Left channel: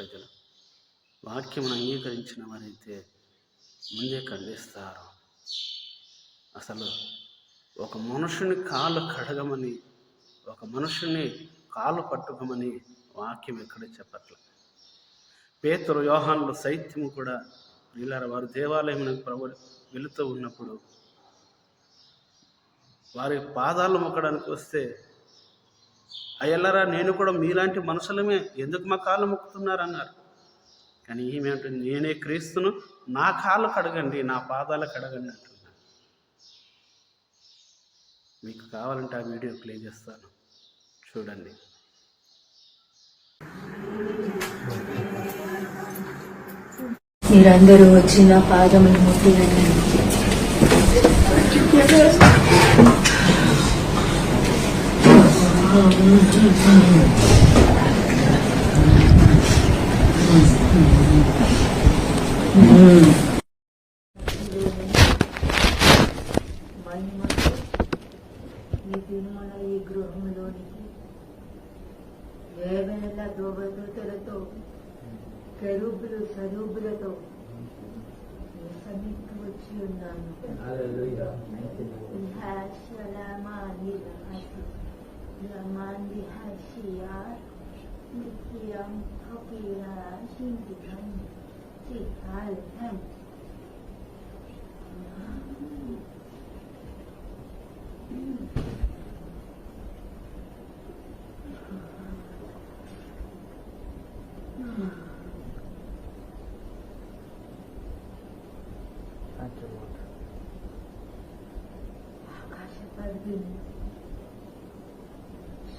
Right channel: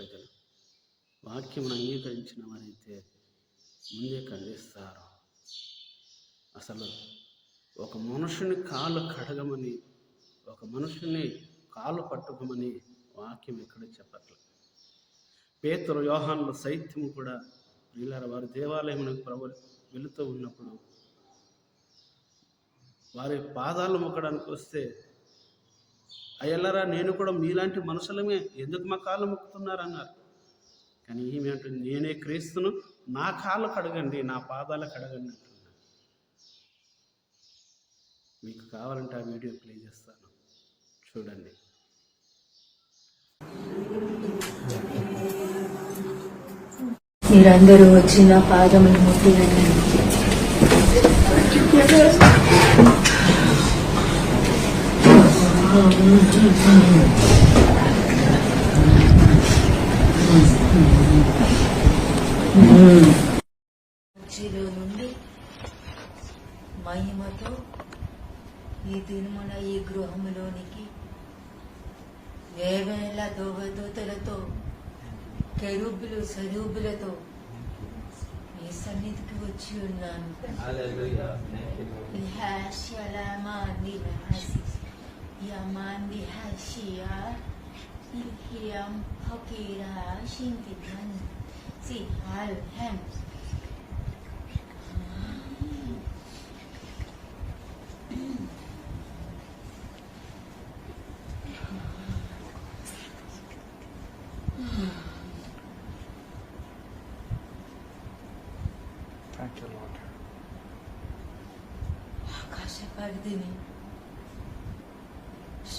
ప్రజలు. వాక్యమును అంగీకరించిన వారైతే ముందే ఖండిస్తారు. అసలు ఒక మనుషుని కాళ్ళు కడగమని ఒక మనుషుని కాళ్ళు పట్టుకోమని వాక్యం ఎక్కడ చెప్పట్లేదు పేతురు యోహానులు సైత్యము కూడా వీళ్ళ వారు దేవాలయం ప్రభు వెళుతూ ఉన్నప్పుడు వారి పాదాలు మొక్కడానికి వస్తే అయ్యల్లరా నేను కూడా మీలాంటి మనుషులమే. ఎందుకు మా కాళ్ళు మొక్కుతున్నారు అన్నారు కానీ ఈమె నేనే క్రీస్తును నా కాళ్ళు కడగండి నా పాదాలు కడగండి అంటున్నాను. మీకు కావాలంటే ఆ వీడియో ప్లే చేస్తాను. చూడండి. మీరందరూ వచ్చిన పాదములు ముట్టినండి మహిమకు ఈ దినమున ఈ గృహములోనికి వేవేల దోవదూతలతో కెరూబులు సరూబులతో మీ సన్నిధికి వచ్చి ఉన్నాను. Yaman dihasyiar Ilhiyam fakira shintitan Sihal hem Thank you, Lord. Akashi Pardini.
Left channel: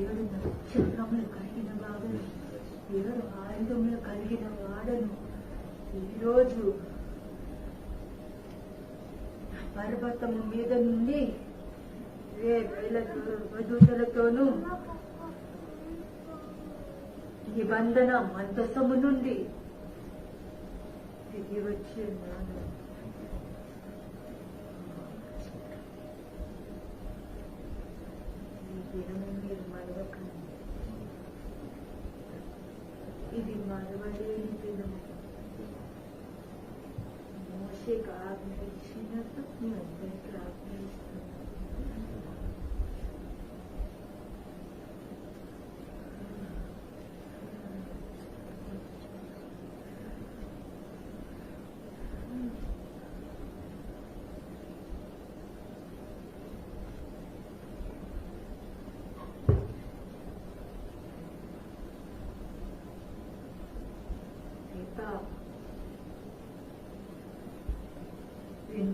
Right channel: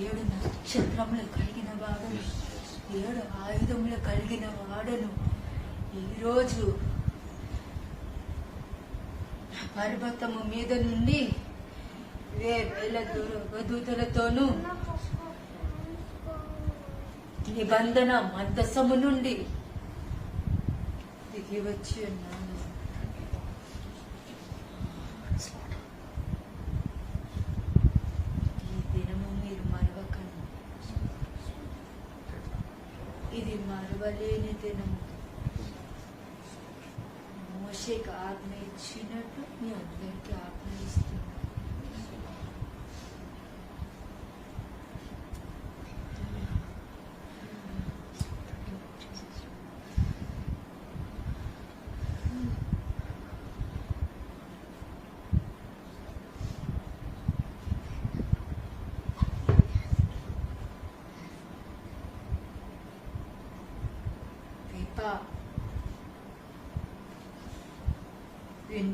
ఏడు నక్షత్రములు కలిగిన వాడను. ఏడు ఆయుధములు కలిగిన వాడను. ఈరోజు పర్వతము మీద నుండి వేల వధూతలతోనూ నిబంధన మందసము నుండి దిగి వచ్చి ఉన్నాను.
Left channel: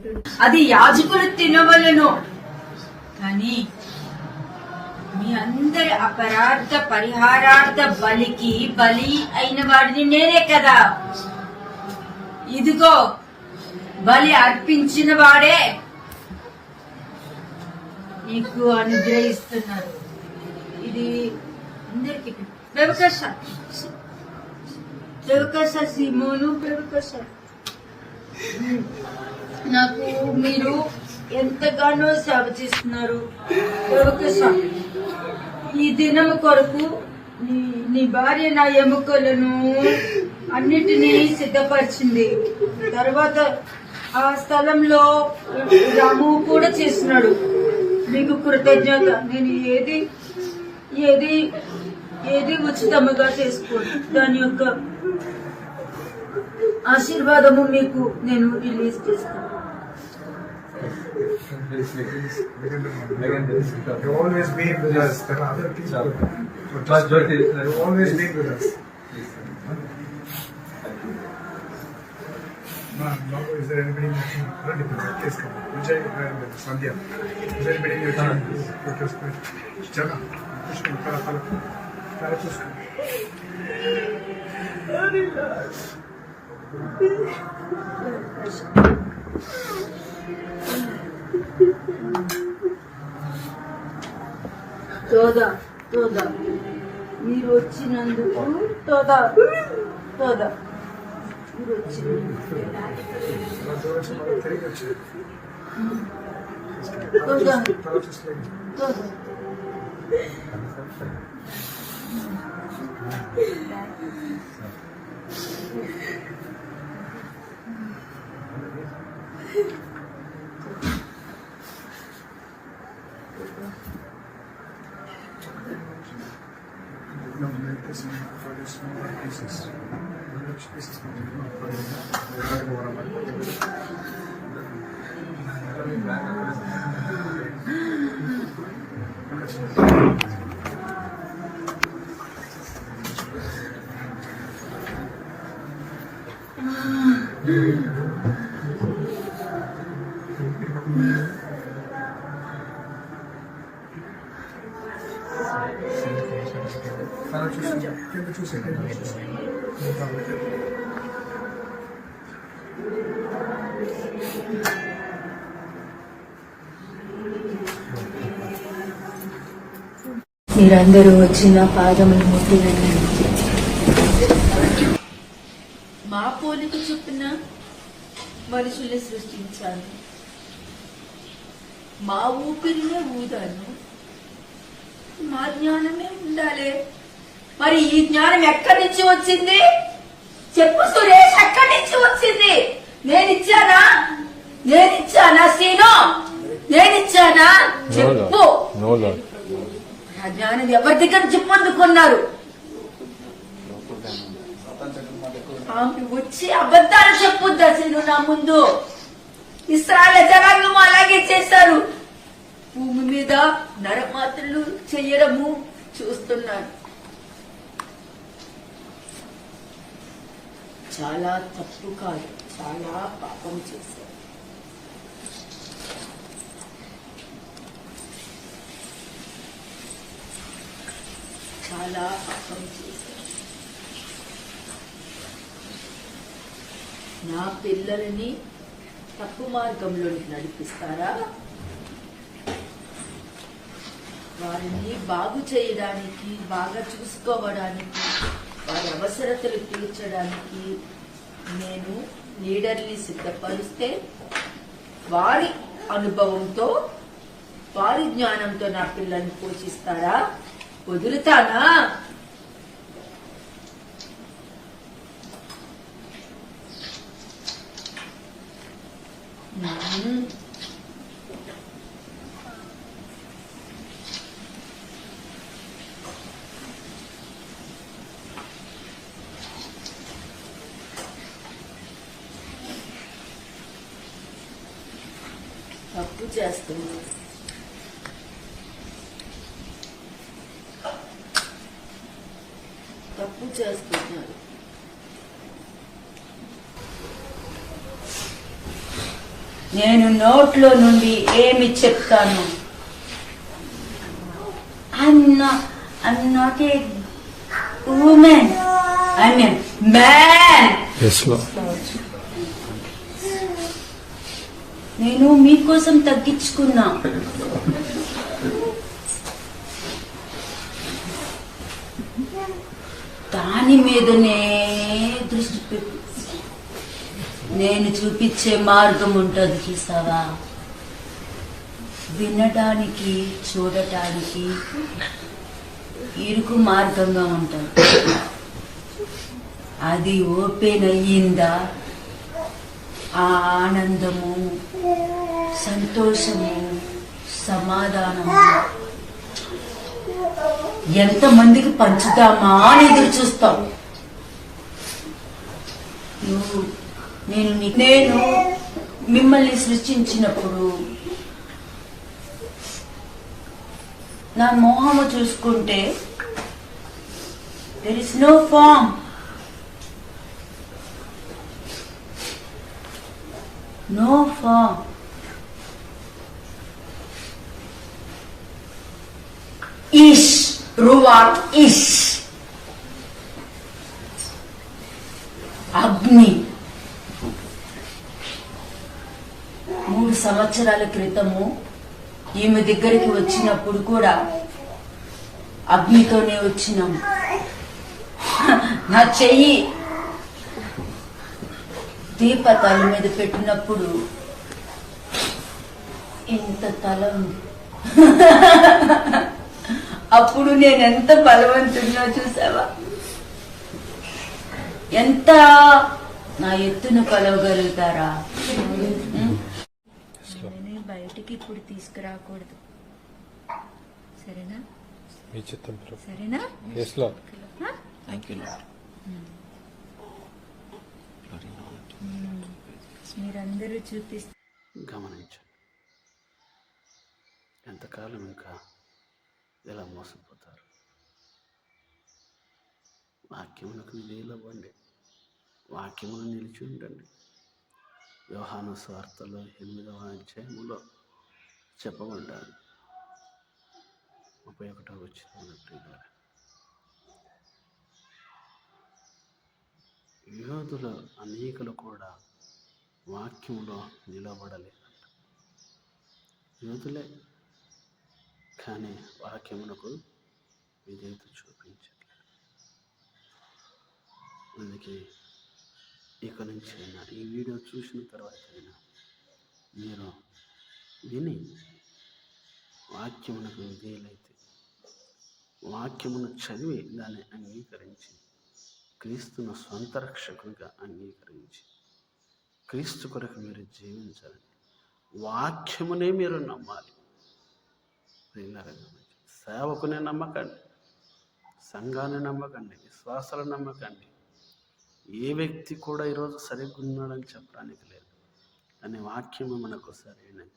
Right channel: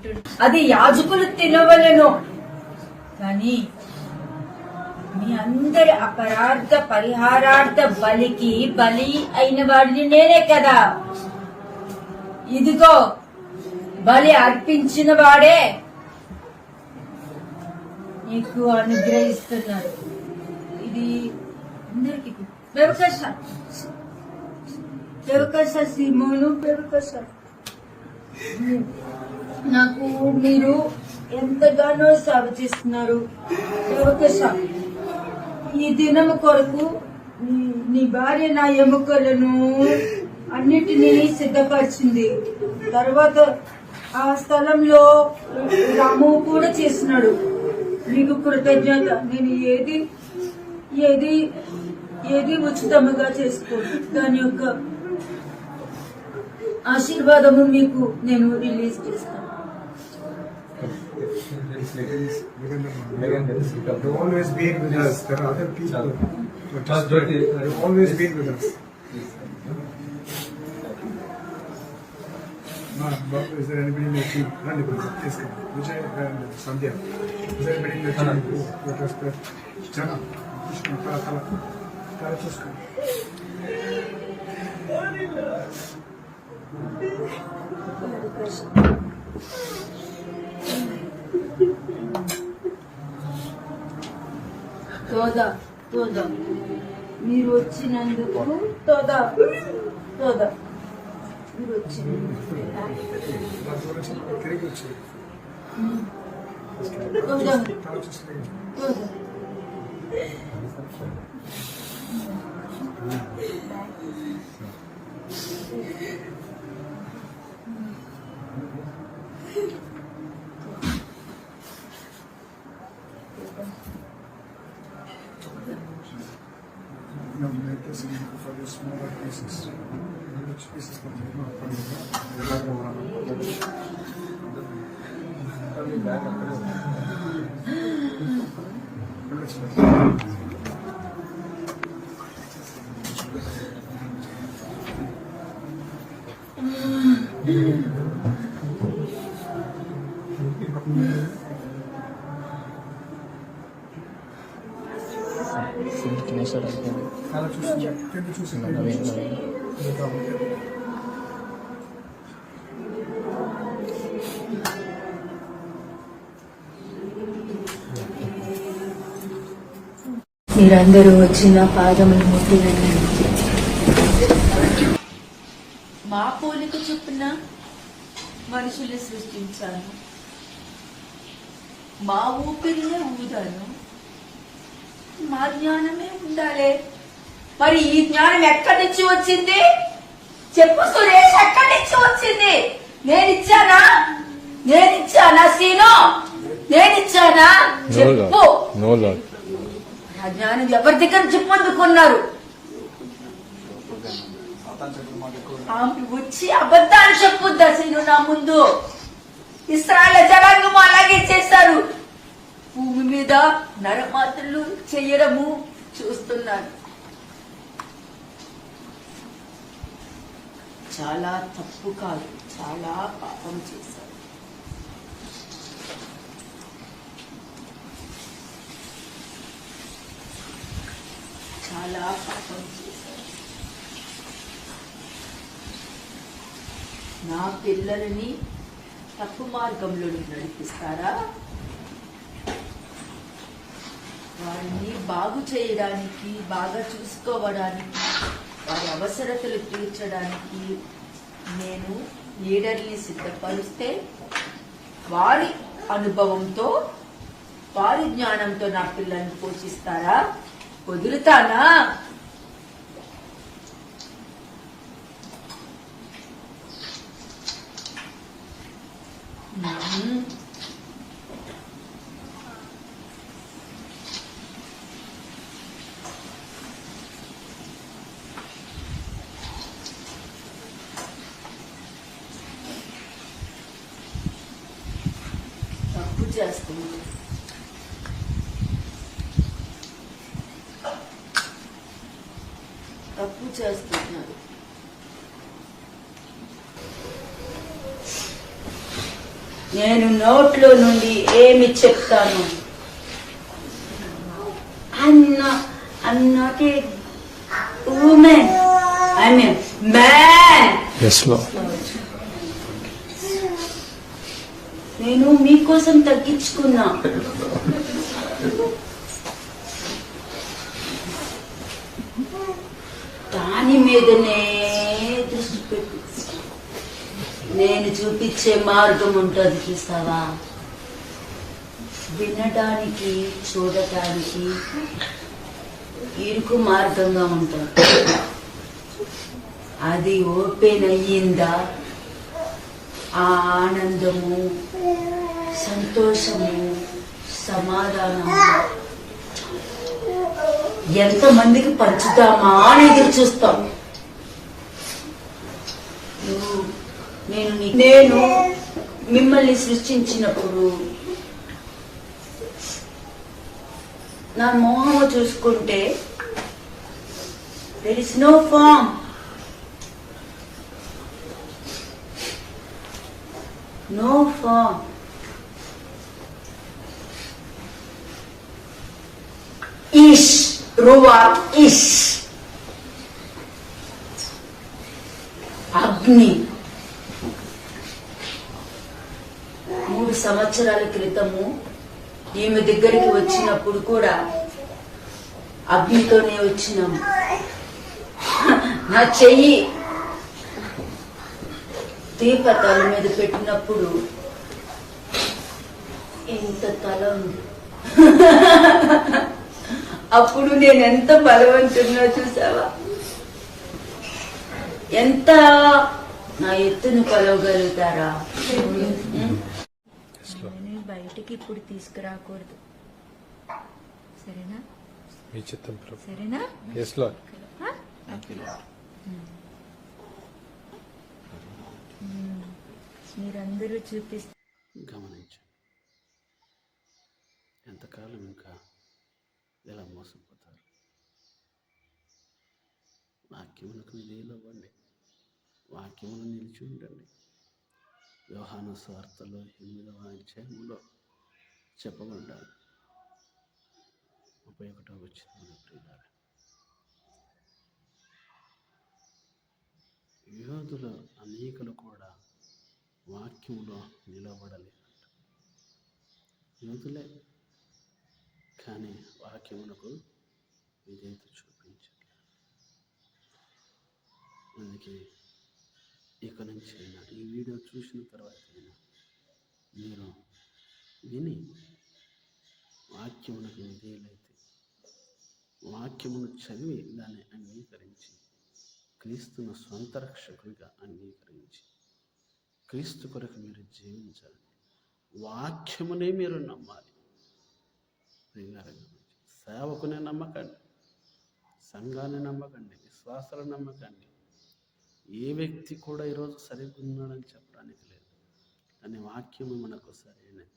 వింటు అది యాజకులు తినవలను. కానీ మీ అందరి అపరాధ పరిహారార్థ బలికి బలి అయిన వాడిని నేనే కదా. ఇదిగో బలి అర్పించిన వాడే నీకు అనుగ్రహిస్తున్నారు ఇది అందరికి ప్రవకశ ప్రవకశ సిమోను ప్రవకశ నాకు మీరు ఎంతగానో సేవ చేస్తున్నారు. ఈ దినం కొరకు నీ నీ భార్య నా ఎముకలను అన్నిటినీ సిద్ధపరిచింది. తర్వాత ఆ స్థలంలో రాము కూడా చేస్తున్నాడు. మీకు కృతజ్ఞత. నేను ఏది ఏది ఏది ఉచితముగా చేసుకోను. దాని యొక్క ఆశీర్వాదము మీకు నేను రిలీజ్ చేస్తాను. this Please, within the Within the month. You always been with us. There are other people. But But just- you always been with us. Ma'am, what- is there anybody in your team? Not anybody. Yes, come on. Vijay and uh, Sandhya. Is there anybody in your team who protested? Jana, push him, Tara, Tara. Tara, just come. 떠다 떠다. 위로 치는데도 떠다. 떠다. 위로 치는 어? 떠다. 떠다. Thank you. Smaller pieces. Which pieces can you మీరందరూ వచ్చిన పాదములు ముట్టి మా పోలిక చొప్పున మనుషులు సృష్టించాను మా ఊపిరినే ఊదాను మా జ్ఞానమే ఉండాలి. మరి ఈ జ్ఞానం ఎక్కడి నుంచి వచ్చింది? చెప్పు సురేష్ ఎక్కడి నుంచి వచ్చింది? నేనిచ్చానా? నేనిచ్చానా శ్రీను నేనిచ్చానా? చెప్పు. ఆ జ్ఞానం ఎవరి దగ్గర నుంచి పొందుకున్నారు ఆమె వచ్చి అబద్ధాలు చెప్పుద్దా శ్రీను నా ముందు? ఇస్రాయల జనాంగము అలాగే చేశారు. భూమి మీద నరమాతలు చెయ్యడము చూస్తున్నాను. చాలా తప్పు కాదు చాలా పాపం చేశారు. చాలా పాపం చేశారు. నా పిల్లల్ని తప్పు మార్గంలో నడిపిస్తారా? వారిని బాగు చేయడానికి బాగా చూసుకోవడానికి వారి అవసరతలు తీర్చడానికి నేను లీడర్ని సిద్ధపరిస్తే వారి అనుభవంతో వారి జ్ఞానంతో నా పిల్లల్ని పోషిస్తారా వదులుతానా మ్మ్. చేస్తుంది తప్పు చేస్తున్నారు నేను నోట్లో నుండి ఏమి చెప్తాను? అన్న అన్నకే ఉమెన్ ఐ మీన్ మ్యాన్ నేను మీకోసం తగ్గించుకున్నా. దాని మీదనే దృష్టి పెట్టి. నేను చూపించే మార్గం ఉంటుంది చూస్తావా? వినటానికి చూడటానికి ఇరుకు మార్గంగా ఉంటుంది. అది ఓపెన్ అయ్యిందా? ఆ ఆనందము సంతోషము సమాధానం. ఎంతమందికి పంచుతామా అని ఎదురు చూస్తాం. నువ్వు నేను నేను మిమ్మల్ని సృష్టించినప్పుడు నా మోహము చూసుకుంటే there is no form no form is రువా ఇష్ అగ్ని. మూడు సంవత్సరాల క్రితము ఈమె దగ్గరికి వచ్చినప్పుడు కూడా అగ్నితోనే వచ్చినాం. నా చెయ్యి దీపతల మీద పెట్టినప్పుడు ఇంత తల ఉంది. అప్పుడు నేను ఎంత బలవంతున్నా చూసావా? ఎంత నా ఎత్తును కొలవగలుగుతారా? బయటికి ఇప్పుడు తీసుకురాకూడదు. సరేనా? సరేనా? లాడ్ మీరందరూ చూపిస్తే గమనించండి. ఎంతకాలం ఇంకా ఇలా మోసపోతారు వాక్యములకు నిలవండి వాక్యమును నిలిచి ఉండండి వ్యవహాన స్వార్థలో ఎనిమిదవ అధ్యాయములో చెప్పబడ్డారు ముప్పై ఒకటో వచ్చింది మన ప్రియుల యోధుల అనేకులు కూడా వాక్యములో నిలబడలేదంట యోధులే కానీ వాక్యమునకు విధేయత చూపించట్లేదు అందుకే ఇక నుంచి అయినా ఈ వీడియో చూసిన తర్వాత అయినా మీరు విని వాక్యమునకు విధేయులైతే వాక్యమును చదివి దాన్ని అంగీకరించి క్రీస్తును సొంత రక్షకునిగా అంగీకరించి క్రీస్తు కొరకు మీరు జీవించాలి వాక్యమునే మీరు నమ్మాలి. ప్రియులారా సేవకుని నమ్మకండి సంఘాన్ని నమ్మకండి విశ్వాసాలను నమ్మకండి. ఏ వ్యక్తి కూడా ఈరోజు సరిగ్గా ఉన్నాడని చెప్పడానికి లేదు. కానీ వాక్యమే మనకు సరైనది.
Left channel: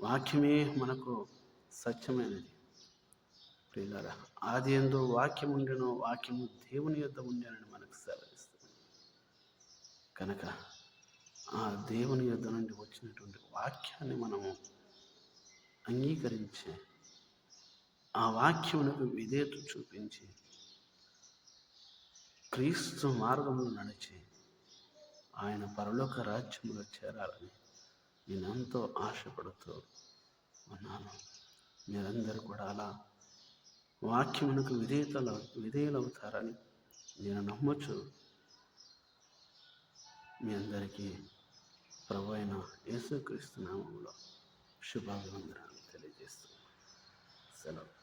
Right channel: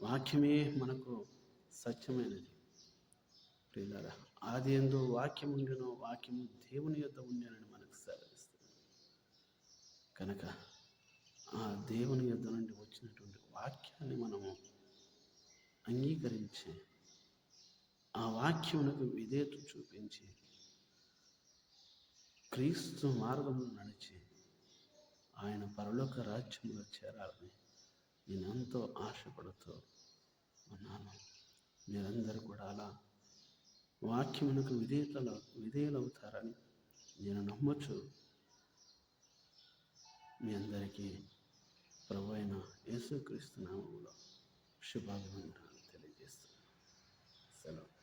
వాక్యమే మనకు సత్యమైనది. ప్రియులారా ఆది ఎందు వాక్యం ఉండేనో వాక్యము దేవుని యొద్ద ఉండేనని మనకు సెలవిస్తుంది కనుక ఆ దేవుని యొద్ద నుండి వచ్చినటువంటి వాక్యాన్ని మనము అంగీకరించే ఆ వాక్యమునకు విధేయత చూపించి క్రీస్తు మార్గంలో నడిచి ఆయన పరలోక రాజ్యంలో చేరాలని నేను ఎంతో ఆశపడుతూ ఉన్నాను. మీరందరూ కూడా అలా వాక్యమునకు విధేయతలు విధేయులవుతారని నేను నమ్మచ్చు మీ అందరికీ ప్రభు అయిన యేసుక్రీస్తు నామంలో శుభాభివందనాలు తెలియజేస్తున్నాను. సెలవు.